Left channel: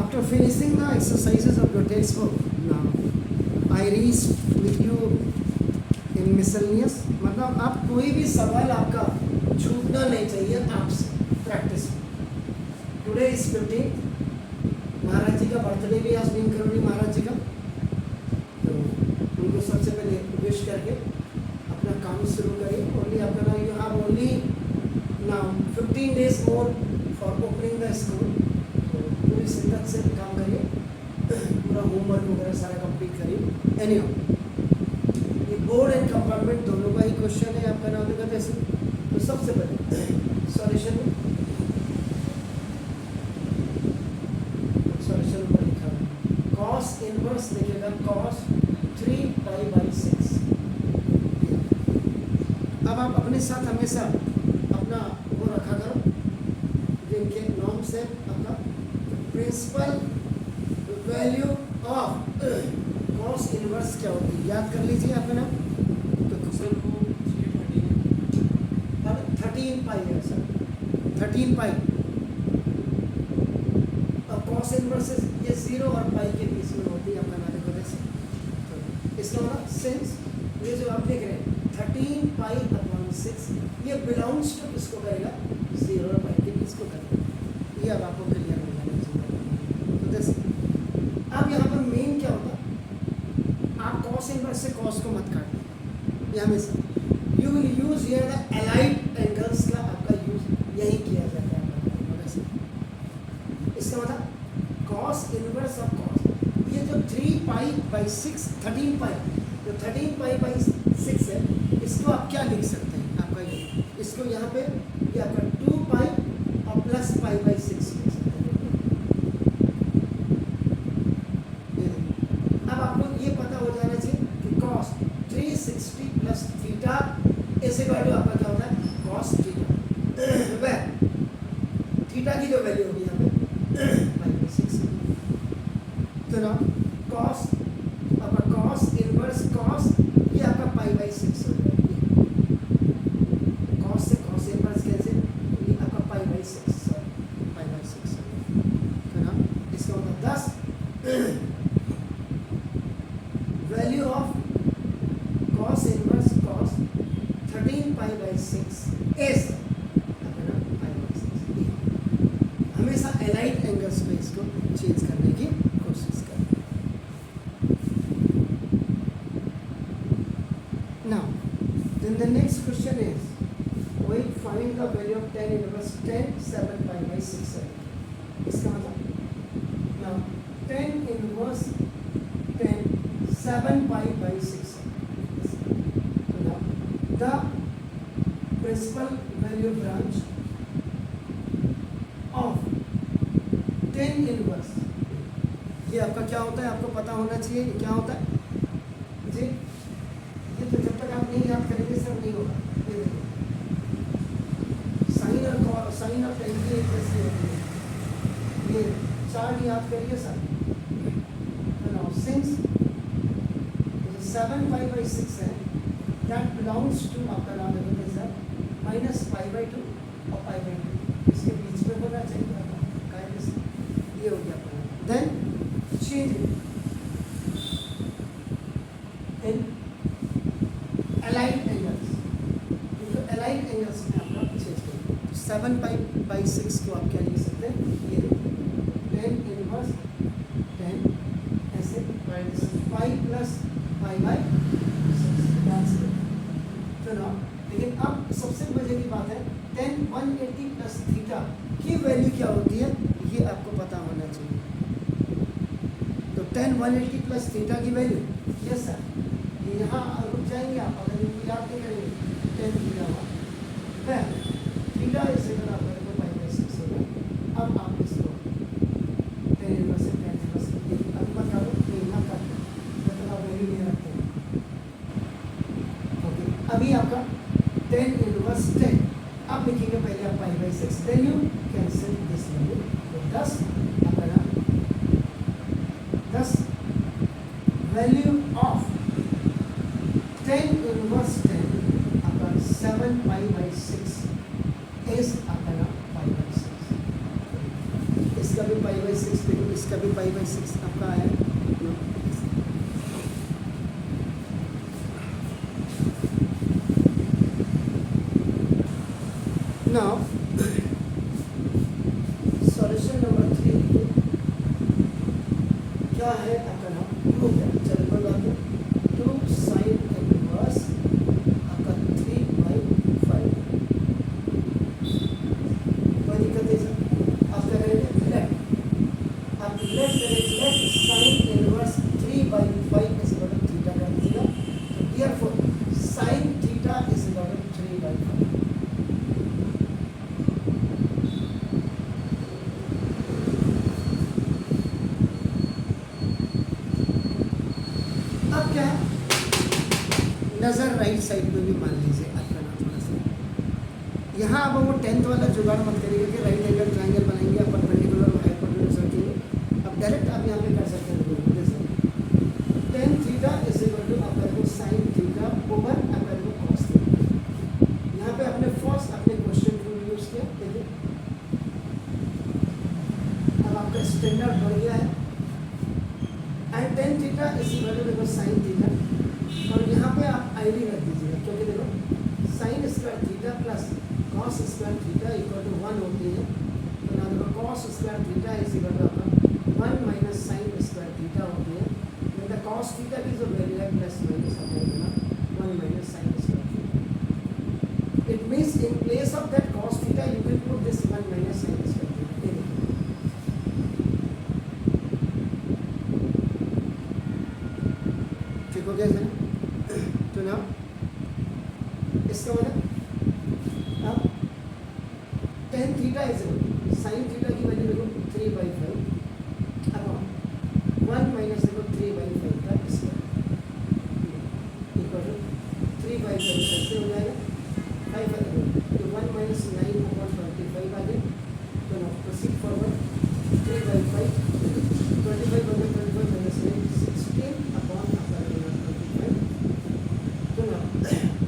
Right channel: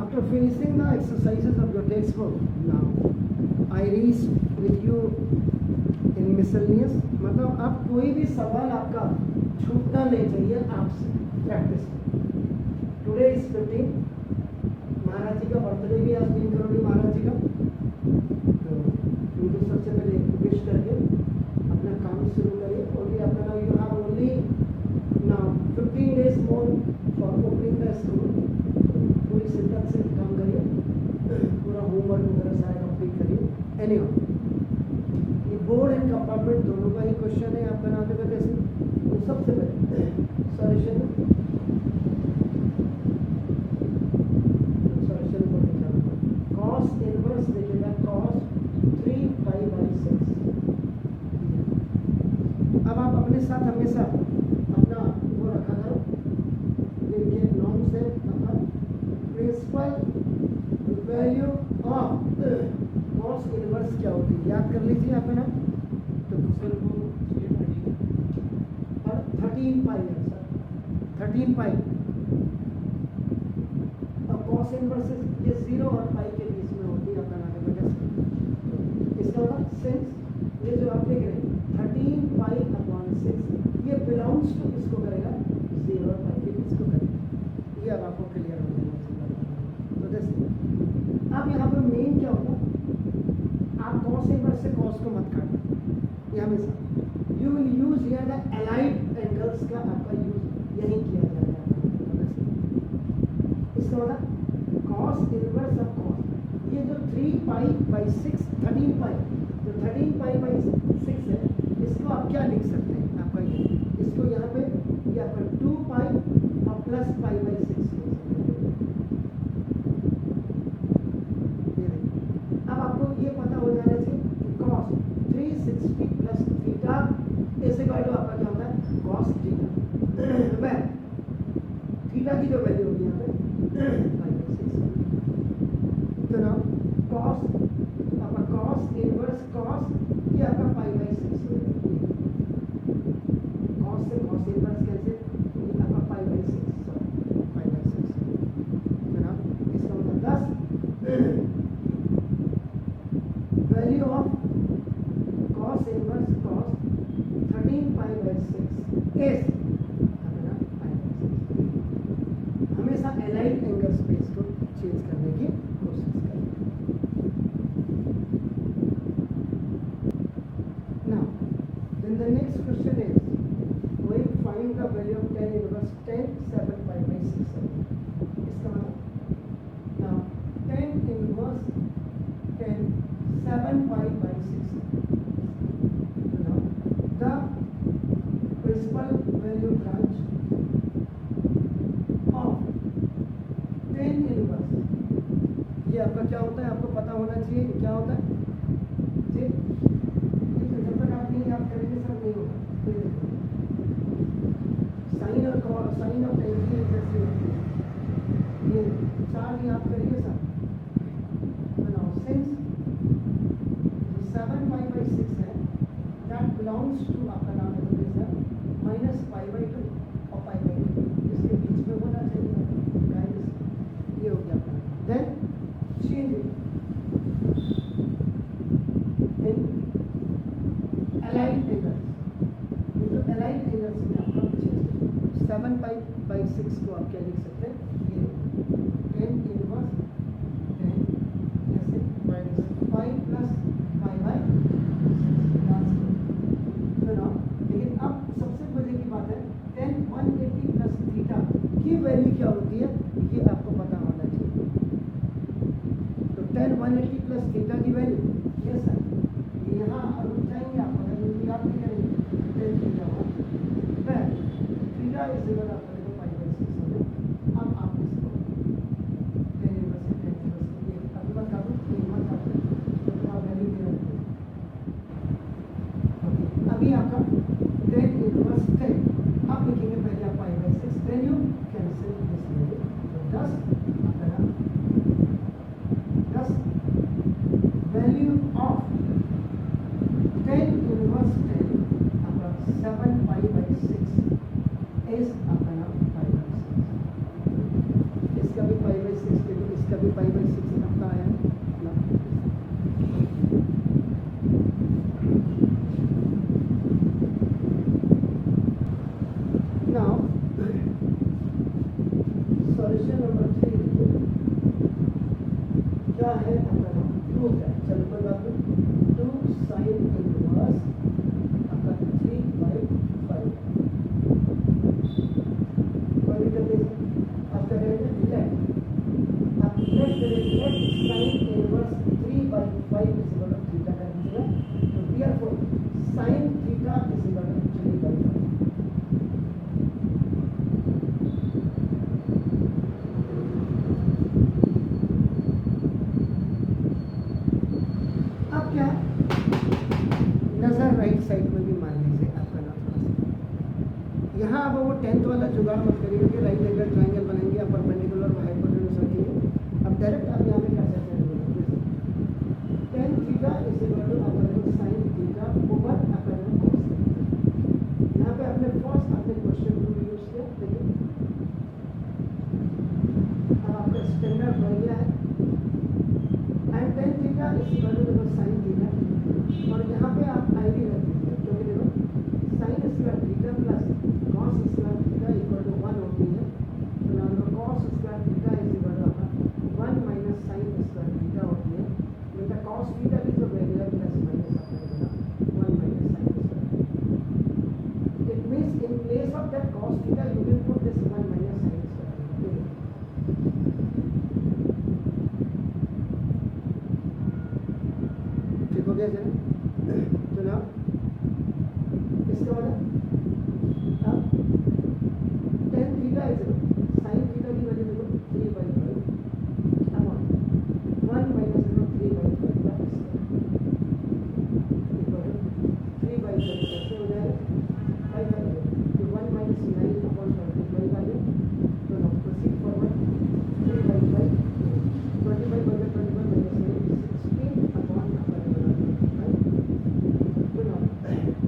After finishing the exercises of your textbook, now I read with you in miscellaneous. मतलब अब कोई भी सवाल आपका छूटना नहीं चाहिए आपसे प्रैक्टिस में. Today is 15. महाराज जी का बर्थडे भी आज दिन करोगी महाराज जी का, तो उनको सबसे पहले विश करके अपना काम शुरू करिए. ओनली आपका now you have only now 15 days more for opening the school. पूरी शिद्दत से काम करिए, पूरा होमवर्क वगैरह सारा कंप्लीट करिए. एनीहाउ ये बोर्ड एंड कंपार्टमेंट दोनों का ही क्वेश्चन है आपका नाम देखा कैसे. तो सबसे पहले सॉल्यूशन ऊपर लिखा है कॉस इनवर्स देखिएगा cos 3 पाई बाई 6. अब आप अपने साथ हमेशा अपना वो रखा करो, इनके नॉर्म से अपना principal value of cos inverse क्या होती है याद कर लीजिए आपका नाम. तो सर वो 13 पाई है सर, 13 पाई. अब कॉस इनवर्स ये 0 और पाई के बीच में होती है आपका नाम देखो जैसे. तो इसका मतलब सिंस ये जो आप देख रहे हैं 13 पाई अपॉन 6 ये बिलोंग्स टू किसको करेगा, 0 और पाई के बीच को करेगा. ये अब आपको क्लियर हो जाना चाहिए. तो जैसे अब यहाँ पर मेन क्या होता, आप कॉस इनवर्स से कॉस को मत काटना. ये हमेशा you will use here the allied angles का आपका यूज यही किया जाएगा आपका वैसे. इसका मतलब कॉस इनवर्स ऑफ कॉस, ये जो 3 पाई बाई 6 13 पाई, जो 13 पाई बाई 6 है इसको आप क्या लिख सकते हैं आपका ये, इसको यहाँ पे ये आपका 2 पाई और प्लस पाई बाई 6 लिख सकते हैं. ये देखिए अब आपको ये पता हो जाना चाहिए कि cos 360 प्लस थीटा ऐसे वैल्यू आपका क्या होता है cos थीटा. वह थीटा की जो वैल्यू होगी यहाँ पे पाई बाई 6. तो ना cos आपका cos इनवर्स cos ये आपका पाई बाई 6 हो जाएगा. cos से cos इनवर्स कैसे, ये आपका पाई बाई 6 सॉरी पाई बाई 6. तो ना इसका मतलब 10 value of cos inverse cos 13 pi by 6 is अपना पाई बाई 6. हमेशा एलाइड एंगल्स पे इसको चेंज करने की कोशिश करें. Now, then the next question is, we find the value of tan inverse 10 7 pi by 6. इसका मतलब now tan inverse 10 7 pi by 6. So now the principal value branch of tan inverse, ये आपका क्या होता है आपको पता होना चाहिए. ये क्या होता है जी, तो जब तक आप नहीं याद करेंगे सब नहीं होगा. साइन और साइन ऑफ एंगल जैसे ये 4 याद करिए सर. सिंस 7 पाई बाई 6 है दैट बिलोंग्स टू आपका नाम है सर माइनस पाई बाई 2 और पाई बाई 2 इसके बीच में होना चाहिए. ये हो गया. Then change in allied angles, तो एलाइड एंगल्स में आपका चेंज करें. 7 पाई बाई 6 को आप क्या लिख सकते हैं, ये tan इनवर्स 10 ऐसे पाई प्लस पाई बाई 6. तो ना लेकिन अब सबसे मजे की बात है tan 180 प्लस थीटा की वैल्यू क्या होती है ये आपको पता होना चाहिए. तो tan 180 प्लस थीटा की वैल्यू यस सर, यहाँ रुक जाएंगे आप अगर इनको याद नहीं करेंगे. tan थीटा हो फिर थीटा इस जगह आप करेंगे पाई बाई 6 हो गया. अब आप इसको tan इनवर्स से tan इनवर्स अभी बता दो यहाँ का वैल्यू ले रखते हैं. ओके अभी आपका tan इनवर्स 10 आप लिखेंगे पहले आप pi by 6 then you cancel this value. तो 10 आपका 10 वैल्यू ऑफ tan इनवर्स 10 आपका 7 पाई बाई 6 इज आपका पाई बाई 6. पाई/6 देखो, इसका भी पाई/6 आपका आया है ना। नाउ सॉल्यूशन नंबर 3 क्या है आपका नाम, टू क्या, चलो कोई बात नहीं, 2 sin इनवर्स आपका 3/5, कोई दिक्कत नहीं सर। आप क्या करेंगे, लेफ्ट, आप लेफ्ट करेंगे, sin inverse 3/5 is equal to theta कर दीजिएगा। तो therefore sin theta is equal to 3/5। अब क्या है, नज़र राइट साइड में भी मान लीजिए आपका नाम थोड़ा सा, यहाँ अब वो 10th वाला जुगाड़ मत करिएगा कि राइट एंगल ट्रायंगल बनाएंगे, आप परपेंडिकुलर और हाइपोटेन्यूज रखेंगे। अब डायरेक्ट आप यहाँ पे कर सकते हैं, जैसे tan theta is equal to आपका देखो sin थीटा ओवर आपका देखो cos थीटा। यहाँ पे आपने फर्स्ट अपने क्वेश्चन रूल यूज किया, देखिए अब आपका स्टैंडर्ड बढ़ गया है, and tan theta is equal to देखो sin थीटा, और यहाँ पे आप आईडी रख दीजिएगा, क्योंकि देखो sin square theta plus cos square theta equal to 1 होती है। तो ना देखो cos square theta is equal to आपका 1 माइनस sin स्क्वायर थीटा होती है। विद द cos थीटा की जो वैल्यू है प्लस माइनस आपका देना 1 minus sin square theta. It means in place of that cos theta you can put this 1 minus sin square theta. देखिए ठीक हो गया सर। तो ना इसका मतलब अब tan theta is sin theta की वैल्यू देखो 3/5 अपॉन 1 माइनस देखो 3/5 का स्क्वायर इक्वल टू 3/5 कैसे हो जाएगा 5 आ जाएगा, तो 1 माइनस 9 अपॉन 25 आ गया। तो नाउ प्रोसीड फॉरवर्ड, 3/5 25 बन गया, 25 माइनस 9 16 अपॉन आपका 25। तो now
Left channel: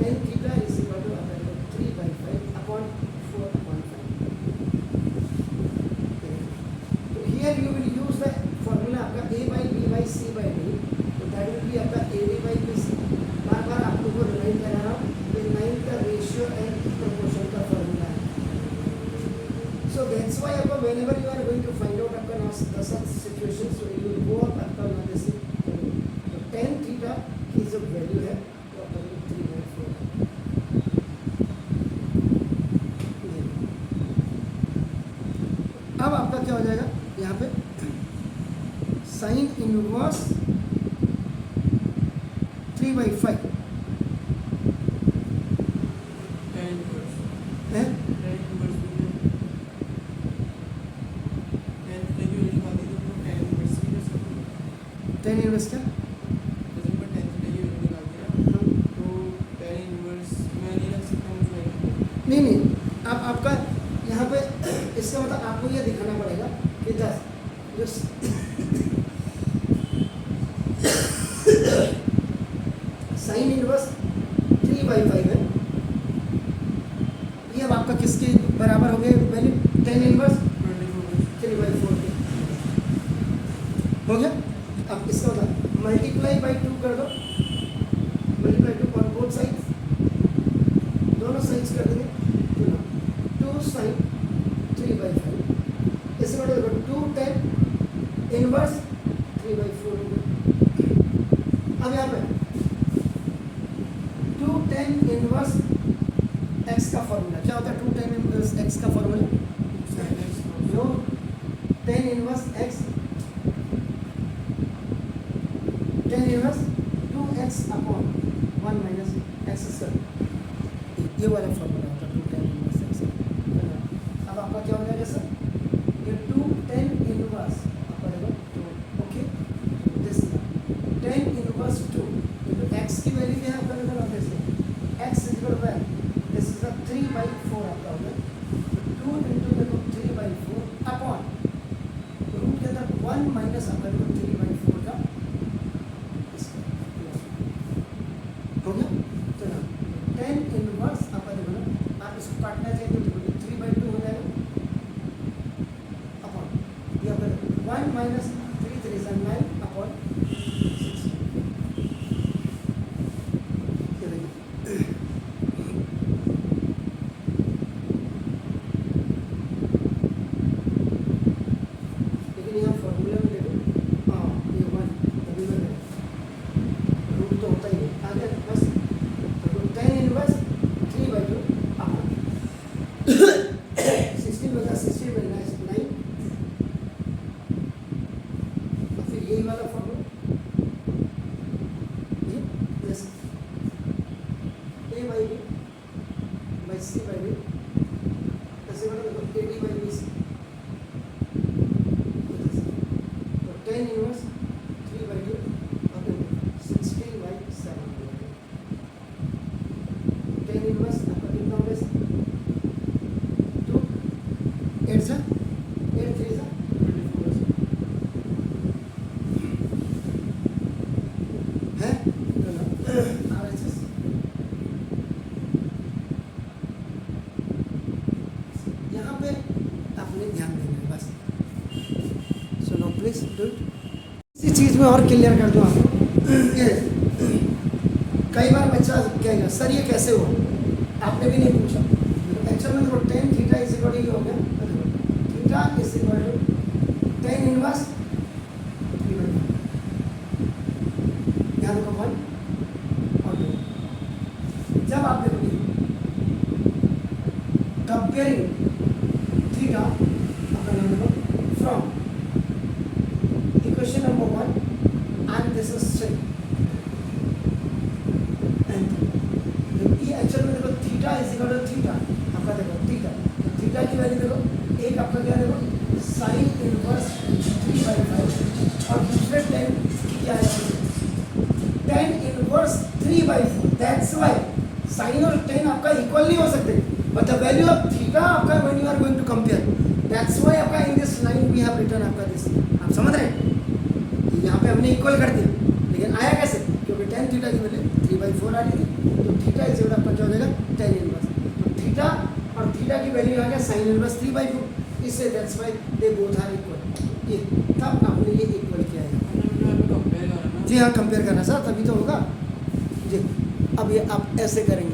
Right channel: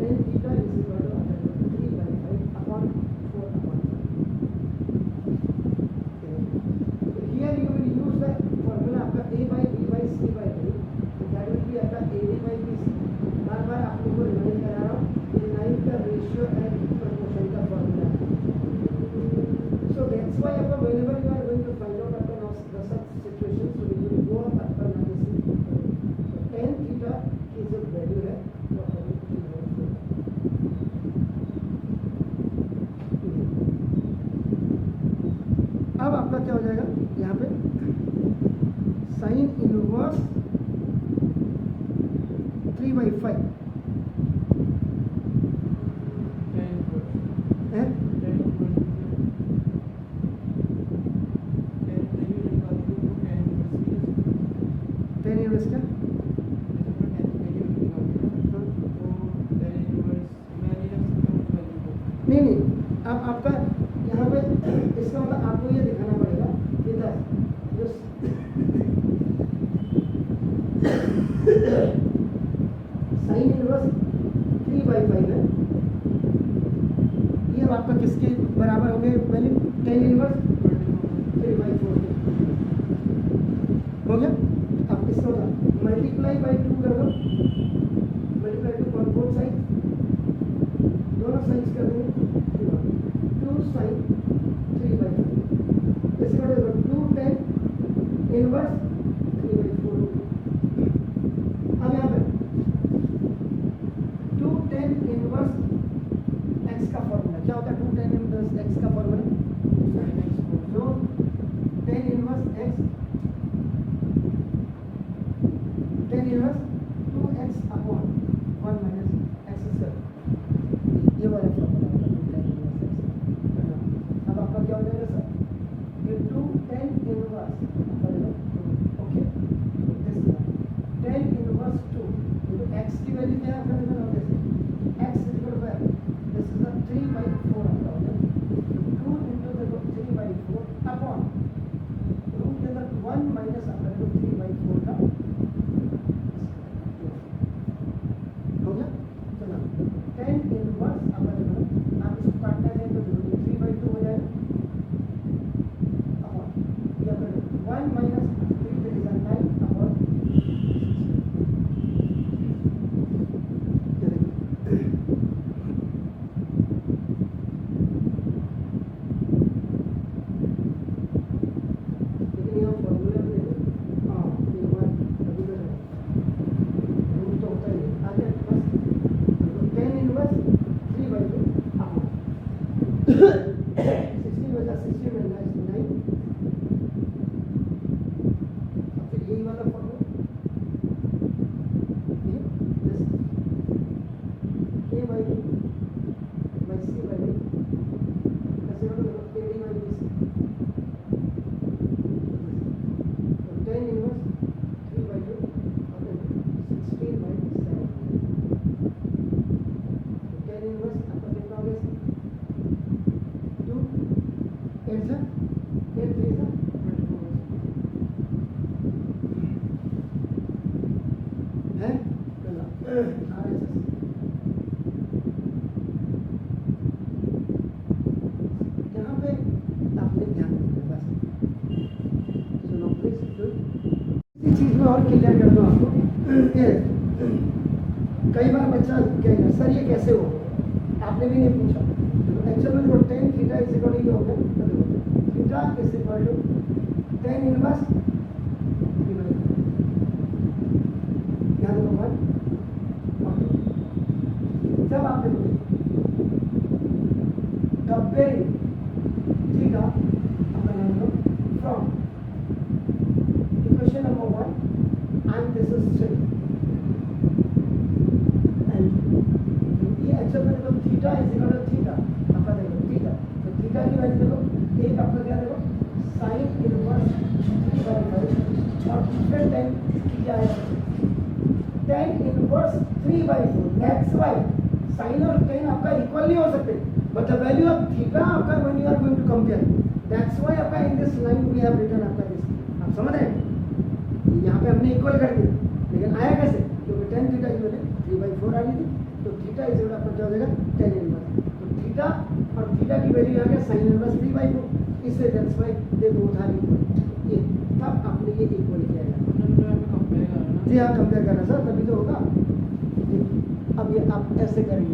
tan theta is equal to आपका 3/5 अपॉन 4 अपॉन 5। तो here you will use the formula आपका a/b/c/d, तो दैट विल बी आपका ad/bc। बार बार आप लोगों को रिमाइंड करा रहा हूँ, ये 9 का रेशियो एंड प्रोपोर्शन का फॉर्मूला है। So that's why आपका whenever you are going to find out आपका now the such situations, so you will go up आपका now this is तो tan थीटा की जो वैल्यू है वो आपका 3/4 अब आपका क्या हो जाएगा यहाँ पे sin इनवर्स 3/5 है, tan इनवर्स क्या नहीं नहीं, अब आपका यहाँ पे इसका मतलब आपको ये दिखाना पड़ेगा कि 10 जो sin इनवर्स 3/5 है, ये अब आपका किसके बराबर हो गए वैल्यू, tan इनवर्स 3/4 के हो गया। अब इसका मतलब मल्टीप्लाई बाई 2 कर दो, मल्टीप्लाई 2 ऑन बोथ साइड्स, दोनों साइड्स कर देंगे, 2 sin 3/5 इससे बड़ा देखो 2 tan इनवर्स 3/4 हो गया। अब यहाँ पे 2 tan इनवर्स x का फॉर्मूला क्या होता है, 2 tan इनवर्स x का फॉर्मूला जो tan inverse x tan inverse 2x upon 1 minus x square, ये वाला फॉर्मूला होता है 2 tan इनवर्स x का। अब आपका क्या हो जाएगा सर, ये 2 tan inverse okay, this tan inverse 2 x की वैल्यू क्या है आपका निकल आते हैं x equal to this is 3/4 आपका होगा 2 into देखो 3/4 अपॉन रूट के अंदर 1 माइनस आपका 3/4 का हो गया। तो ना tan इनवर्स आपका देखो आप इसको काटना चाहिए तो 3/2 हो जाएगा अपॉन ये आपका 1 minus 3 3 is 9 upon 16. ये देखिए लेकिन यहाँ फॉर्मूला में देखो, हाँ ये वन अभी में रूल तो होता ही है आगे बस। तो 10 इनवर्स 3 by 2 अपॉन 16 बचा 16 में 9। और फिर यही वाला फॉर्मूला ये जैसे a by b by c by d ऐसे बना तो ad by bc। तो 10 inverse 3 by 2 upon 16 by 7। 10 inverse आपका कितना हो गया 2 8 से 8 3 से 24 है RHS। यहाँ पे आपने ध्यान देना है बस। So no please do it. इसी चीज़ में और क्लियर कर दूँ आपको। ये कई बार बच्चा कहेगा सर ये कैसे हो, आपने भी नहीं पूछा। एक्चुअल में देखो 10 थीटा इज इक्वल टू ये हो गया, theta is equal to 10 inverse 3 by 5। यहाँ देखो 1 और 2। जब आप देखोगे कंपेयरिंग थीटा अपना नाम लो from equation number 1 and this is same. ये एक्चुअल में देखो theta is equal to theta आपका देखो थीटा, तो थीटा की वैल्यू देखो एक आपका क्या देखो साइन इनवर्स 3 by 5 और दूसरे टाइम क्या है 10 inverse 3 by 4। That's why sine और 10 आपका इक्वल नहीं हो सकते, but the value of theta आपका when you are going to compare, that's why आपका in this line we have written आपका दिस। आप समझ रहे हैं, यहाँ पे हमने इक्वल कर दिया, लेकिन आया कैसे, क्योंकि 10 थीटा की वैल्यू 3 by 4 आ रही थी, तो थीटा इज इक्वल आपका क्या हो जाएगा 10 इनवर्स। तो थीटा और थीटा की वैल्यू आ गया साइन इनवर्स 3 by 4, इससे that's why they both are equal. ये तब आपने ये इक्वल किया है। जी हाँ कंपेयर करना सर तभी तो होगा जी। अब ये आप ऐसे करेंगे।